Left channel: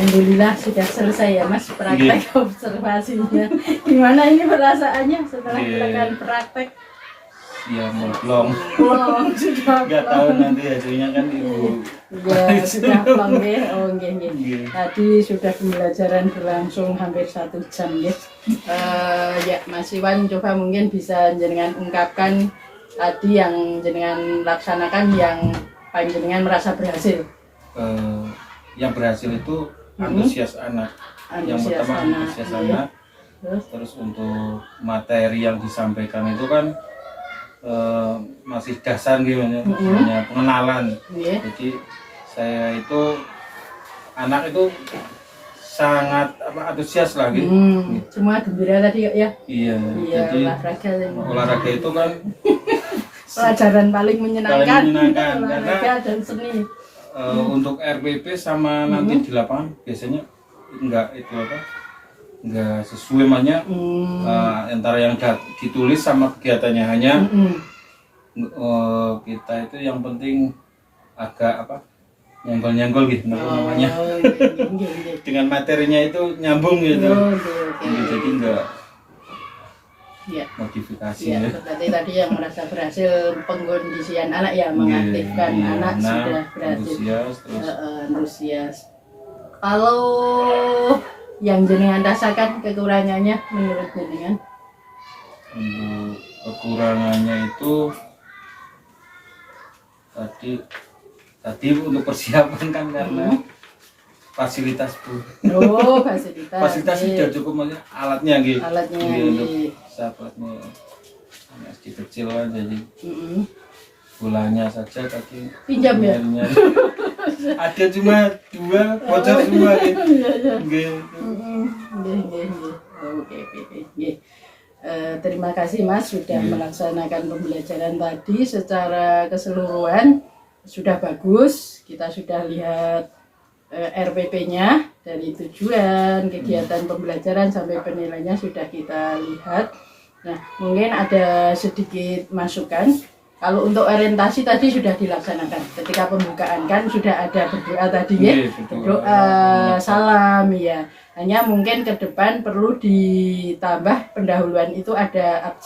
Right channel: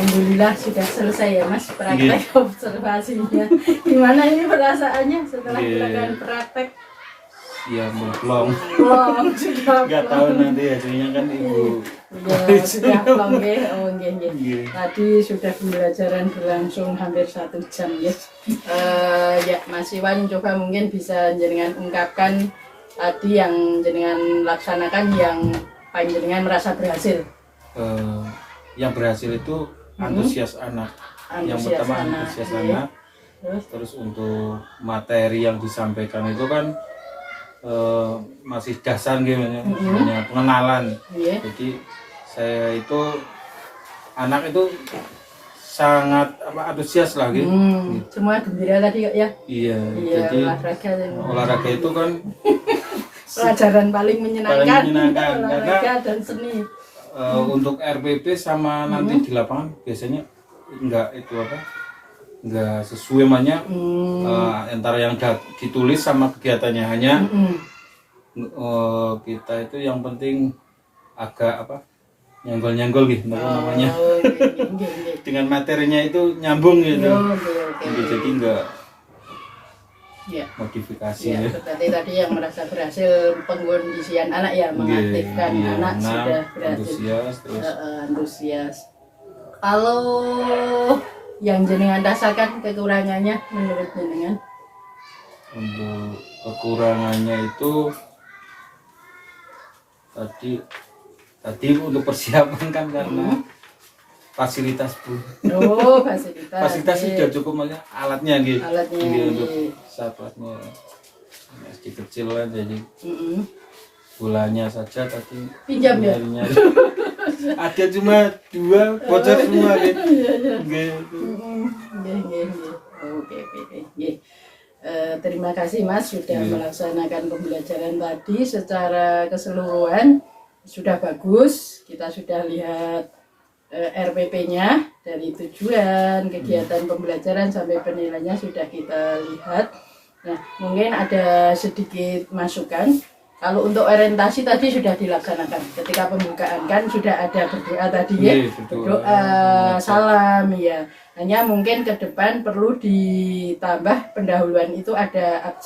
Alhamdulillah sudah selesai ya Mas praktek observasinya. Gimana ini perasaannya setelah dilakukan praktek? Ya melong. Sudah Nggak tahu nanti hasilnya kan Ibu. Ya, sudah plong ya. Oh nggih. Tadi sudah pembelajaran berlangsung hampir 1 jam ya. Ya Mas Iwan coba mungkin bisa jenengan ungkapkan tadi yang jenengan laksanakan yang panjenengan merasa berhasil. Yang berhasil itu antusias anak. Yang pertama antusias anak. Terus untuk materi yang disampaikan itu kan masih dasar gitu ya, pengenalan. Jadi saya itu anak itu sangat antusias lagi. Semua gembira tadi ya. Iya. Jadi olahraga itu kan pelajaran paling menyenangkan olahraga karena dan seni. Untuk RPP sama nanti di lapangan biasanya enggak sesuai banyak antara yang ditulis sama kegiatannya hanya kita itu yang penting agak nyenggol gitu namanya. Dengan materinya itu nyambung gitu. Jadi enggak modifikasi. Berarti tadi yang merasa berhasil pengkondisian anak ya, mengaktifkan anak sudah berhasil. Antusias. Kalau yang jenengan rasakan kekurangannya menurut jenengan? Untuk kekurangannya itu tadi untuk persiapan kan karena fasilitas Bu. Fasilitas sudah cukup banyak alatnya gitu. Untuk sahabatnya SD kecil kan jadi bolanya saja tadi pinjam ya. Ada cuma 2 bocor semua gitu. Oke. Terima kasih Mas sudah melaksanakan pembelajaran tadi secara keseluruhan sudah bagus. Kita sudah lihat RPP-nya dari tujuan kegiatan pembelajaran sampai penilaiannya sudah kita lihat. Nah, mungkin ada sedikit masukan. Kalau untuk orientasi tadi sudah dilaksanakan. Ketika pembukaan kan sudah ada berdoa tadi ya, berdoa, salam ya. Hanya mungkin ke depan perlu ditambah pendahuluan itu ada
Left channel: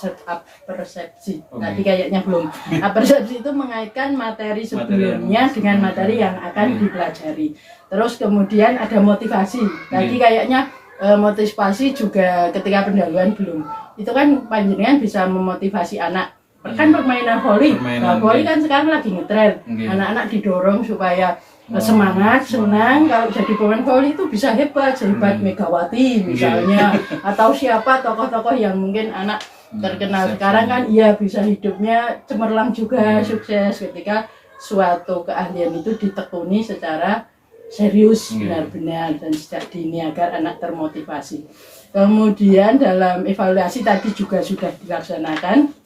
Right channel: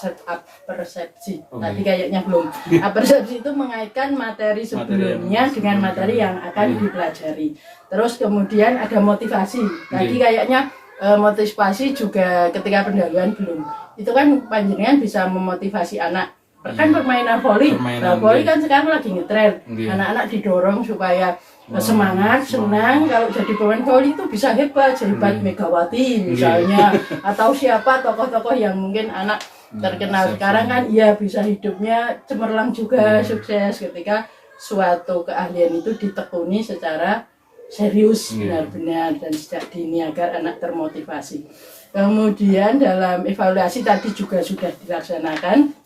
persepsi. Tadi kayaknya belum. Persepsi itu mengaitkan materi sebelumnya dengan materi yang akan dipelajari. Terus kemudian ada motivasi. Tadi kayaknya motivasi juga ketika pendahuluan belum. Itu kan panjenengan bisa memotivasi anak. Kan permainan voli. Nah, voli kan sekarang lagi ngetren. Anak-anak didorong supaya semangat, senang. Kalau jadi pemain voli itu bisa hebat, sehebat Megawati misalnya, atau siapa tokoh-tokoh yang mungkin anak terkenal sekarang kan, iya bisa hidupnya cemerlang juga, sukses ketika suatu keahlian itu ditekuni secara serius, benar-benar dan sejak dini agar anak termotivasi. Kemudian dalam evaluasi tadi juga sudah dilaksanakan.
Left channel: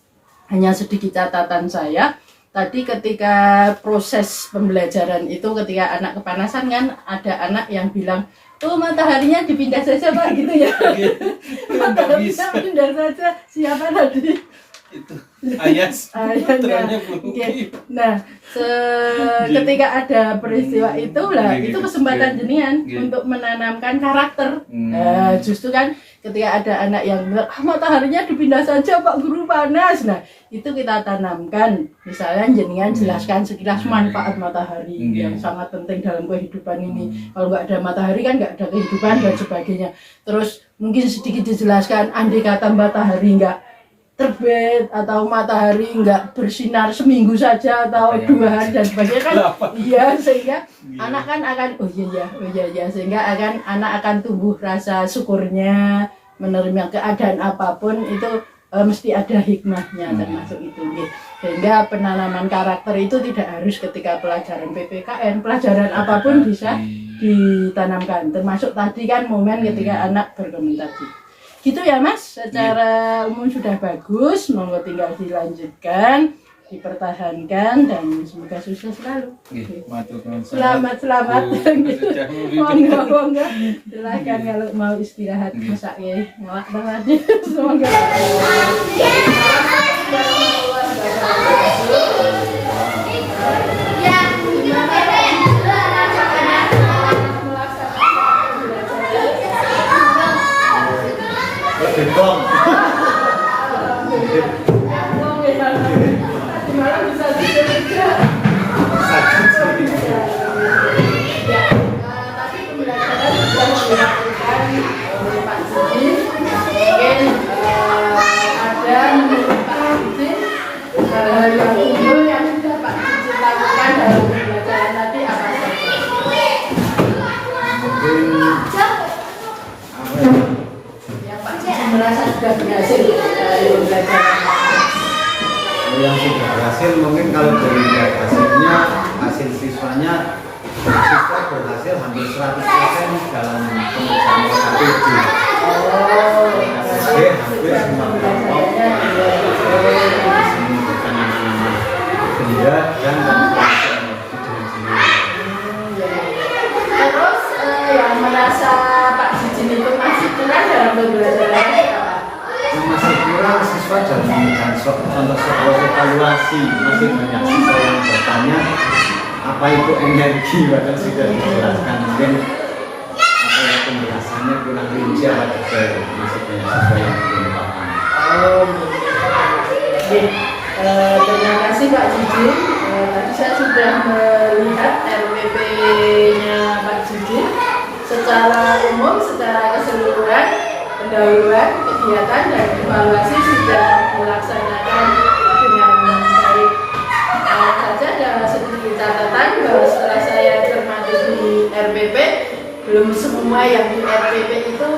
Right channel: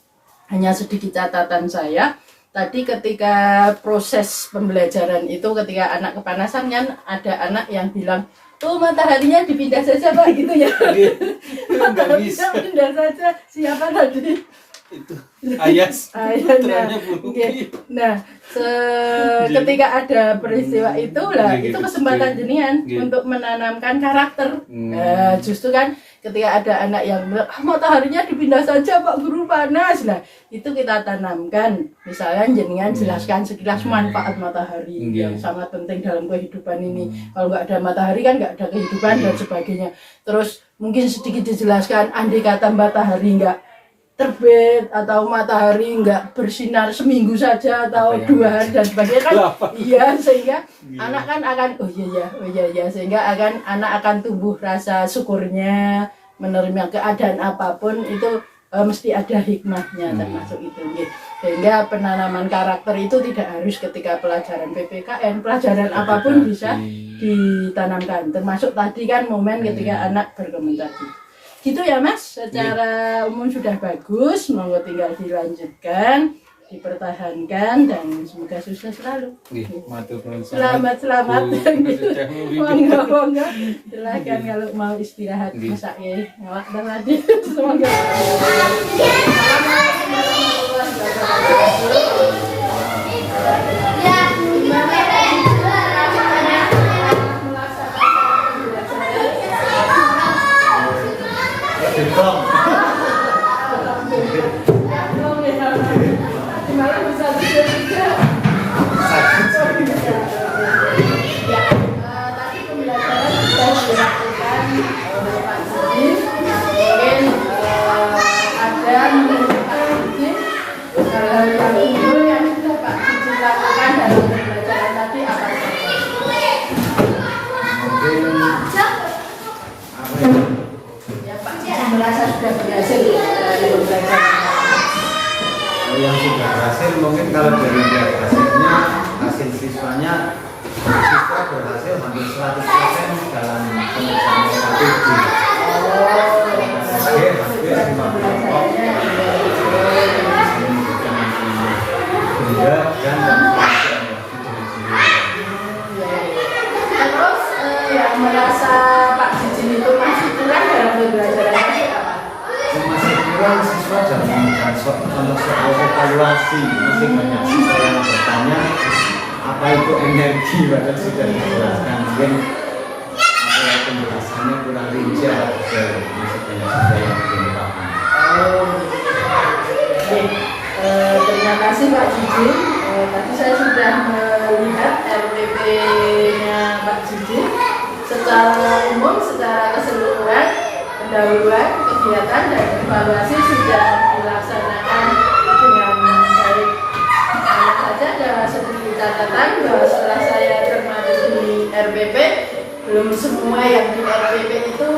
Hanya sedikit catatan saya, tadi ketika proses pembelajaran itu ketika anak kepanasan kan ada anak yang bilang, oh mataharinya dipindah saja Pak gitu ya. Mataharinya pindah saja, siapa tadi? Itu Ayas. Nah, ketika ada peristiwa itu lah, itu kesempatan jenengan untuk menanamkan karakter. Justru kan ketika ada anak yang bilang, mataharinya dipindah saja Pak Guru panas. Nah, itu kita tanamkan. Misalnya jenengan jelaskan sekilas manfaat matahari yang sangat penting dalam kehidupan ini. Kalau nggak ada matahari kan nggak ada kehidupan dan sebagainya. Terus mungkin sedikit dijelaskan, andai kata matahari nggak terbit atau matahari nggak bersinar seminggu saja atau 2 hari dan sebagainya kan, sehingga anak kan akan oh iya sehingga anak akan tumbuh rasa syukurnya, menerima keadaan apapun itu mesti ada hikmahnya termasuk itu sehingga penanaman karakter itu tidak harus ketika pelajaran PPKN, pelajaran apapun bisa ditanamkan, termasuk tadi kan momen ketika anak berkomunikasi. Gitu ya Mas, secara umum sudah bagus, monggo tinggal dilanjutkan, dipertahankan dan semoga sukses selalu. Selamat. Monggo. Silakan kalau mau istirahat masak ya. Ngawak tadi. Semoga Jeblong. Gimana bisa tidur juga? Ya, tapi pembelajaran sudah dilakukan oleh Pak Judi. Mungkin ada menurut Pak Judi hal-hal yang umum yang sudah Pak Judi lakukan dalam pembelajaran tadi apa saja? Mungkin apa ya? Ya Pak Judi merasa sudah berhasil dari pembelajaran. Yang sudah berhasil mungkin kalau dari hasilnya, hasil siswanya siswa berhasil hampir 100% dalam pemeriksaan KTP. KTP hampir semua kelompok menyebutkan nama-nama benda dan Terus yang merasa Pak Jijin itu masih kurang dalam pembelajaran apa? yang masih kurang siswa dalam memberikan contoh soal evaluasi. Masih banyak siswa yang bertanya apa itu energi, padahal sudah dijelaskan. Mungkin apa ya, penjelasannya kurang rinci atau detail. Masih banyak siswa yang belum paham. Oke. Terima kasih Pak Jijin. Tadi saya sudah melihat RPP-nya Pak Jijin secara umum, secara keseluruhan. Pendahuluan, kegiatan, dan evaluasi sudah dilaksanakan dengan baik. Hanya saja dalam sedikit catatan bahwa setelah saya termasuk di RPP, belum semua yang di RPP itu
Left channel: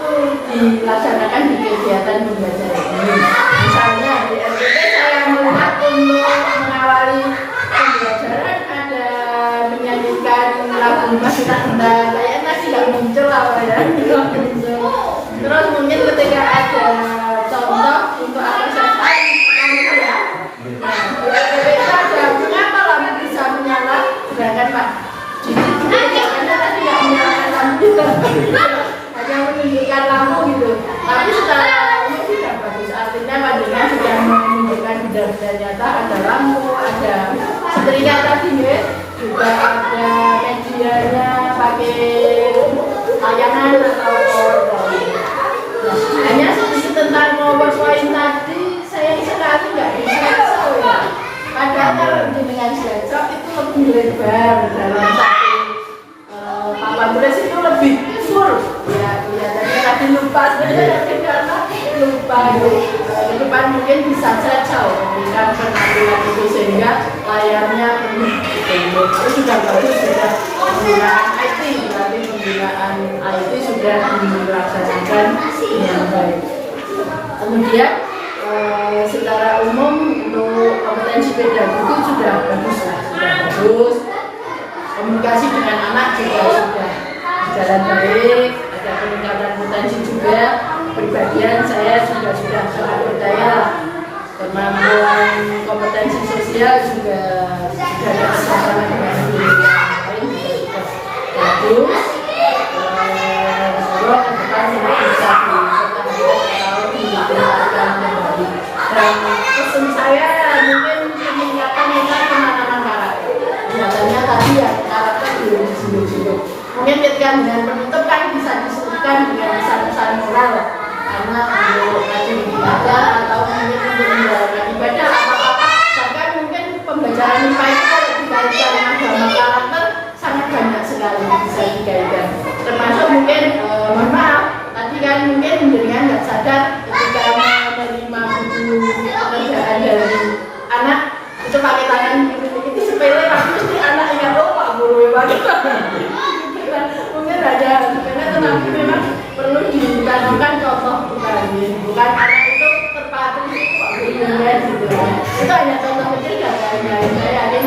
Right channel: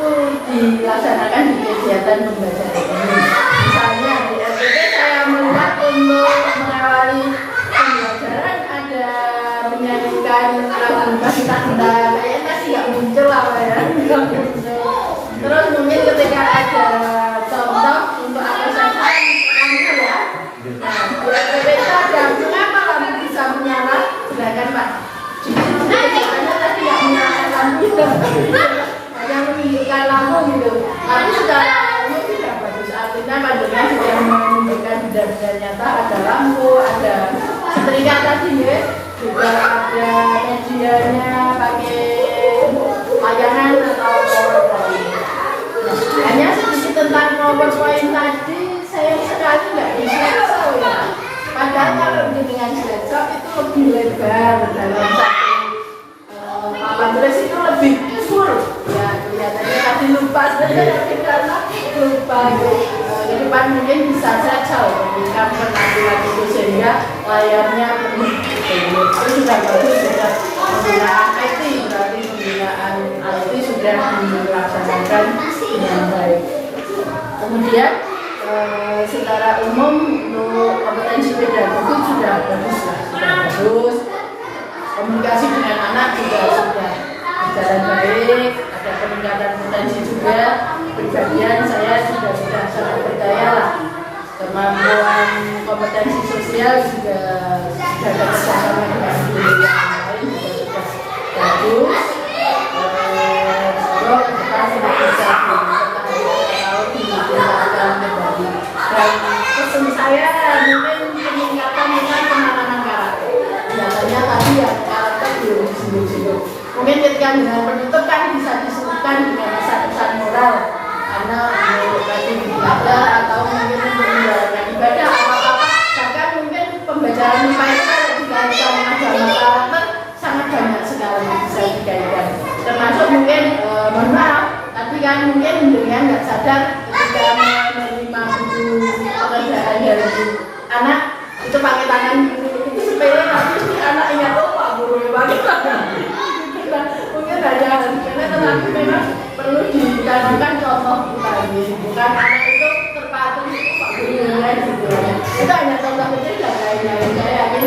dilaksanakan di kegiatan pembelajaran ini. Misalnya di RPP saya melihat untuk mengawali pembelajaran ada menyanyikan lagu Kita Cinta, kayaknya tadi nggak muncul awalnya, nggak muncul. Terus mungkin ketika ada contoh untuk apresiasi lampu ya. Nah, di RPP itu ada mengapa lampu bisa menyala, sedangkan Pak Jijin kegiatannya tadi nggak menyalakan lampu itu, hanya menunjukkan lampu gitu. Tapi secara umum tidak bagus. Artinya Madonna sudah menunjukkan benda-benda nyata, ada lampu, ada setrika tadi ya, juga ada medianya pakai layangan atau PowerPoint. Nah, hanya sedikit tentang PowerPoint tadi, sayang sekali nggak bisa ya. Padahal kalau dengan slideshow itu lebih lebar dalam satu papan tulis itu lebih full. Ya, kelihatannya tadi lupa saya karena lupa itu. Di depan mungkin bisa saja memberikan penampilan itu sehingga layarnya penuh. Itu sudah bagus, sudah penggunaan IT, berarti penggunaan IT sudah dilaksanakan dengan baik. Kemudian secara umum untuk kompetensi pedagogi sudah bagus lah, sudah bagus. Komunikasi dengan anak juga sudah berjalan baik, ada peningkatan potensi juga. Pribadian saya sudah sangat percaya lah. Kemampuan kompetensi sosial juga sudah ada kerjasama dengan guru yang lain juga sudah bagus. Semoga ke depan sudah bisa ditingkatkan kembali. Dan pesan saya mungkin peningkatan penanganan karakter. Biasanya tadi ya karakter belum disinggung-singgung. Mungkin ketika dengan penutup kan bisa disebutkan dengan pesan-pesan moral. Karena untuk tadi beribadah atau mungkin untuk menjalankan ibadah apa-apa, bahkan mungkin pembelajaran IPA itu kalau dikaitkan agama karakter sangat banyak sekali bisa dikaitkan. Termasuk mungkin mohon maaf tadi kan mungkin dengan nggak sadar ketika menerima buku pekerjaan dari anak itu pakai tangan itu sepele, tapi anak ingat Pak guru pakai tangan. Mungkin ada karena tetapi memang perlu ditanamkan contoh bukan anak itu terpacu Pak gurunya gitu. Itu hanya contoh kecil dan lain-lain. Saya yakin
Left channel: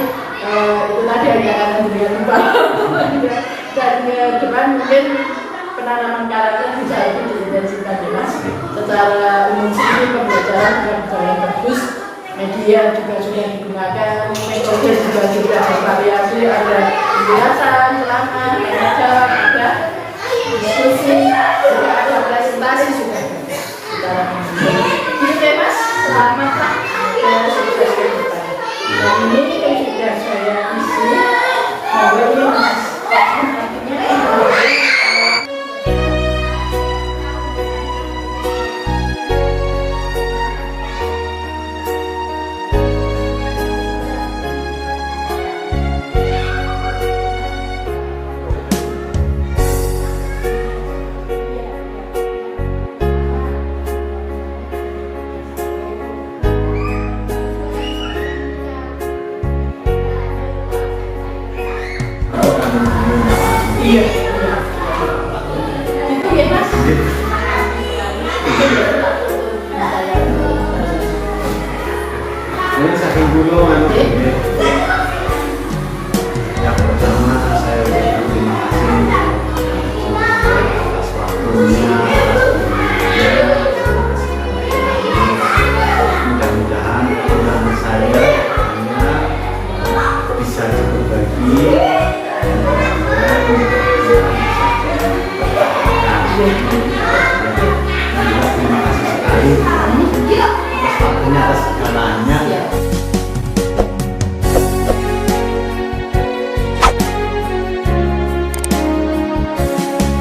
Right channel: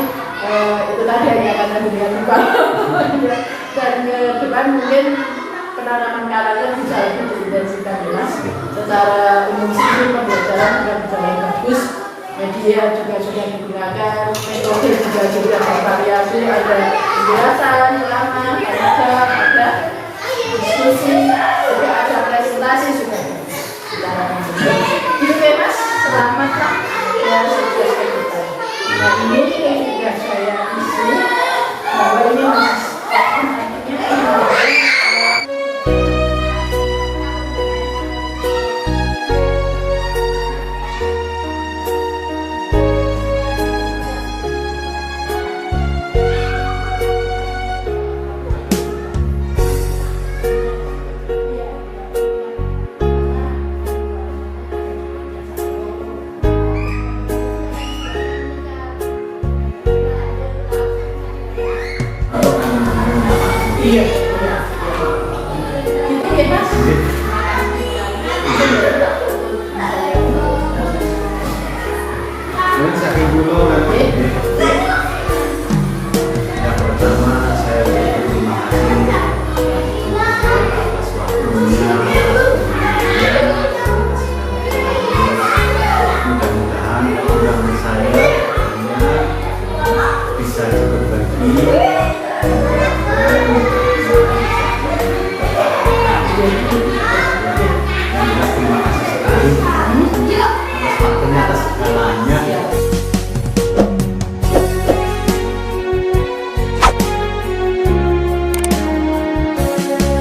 itu tadi hanya karena dunia lupa. Dan ke depan mungkin penanaman karakter bisa lebih diintensifkan jelas. Secara umum sih pembelajaran juga berjalan bagus. Media juga sudah digunakan, metode juga sudah bervariasi, ada penjelasan, ceramah, ada diskusi, juga ada presentasi sudah. Ini bebas, selamat Pak. Ya sudah selesai. Dan ini juga saya isi. Nah, ini Mas. Akhirnya Ya, terima kasih sekali.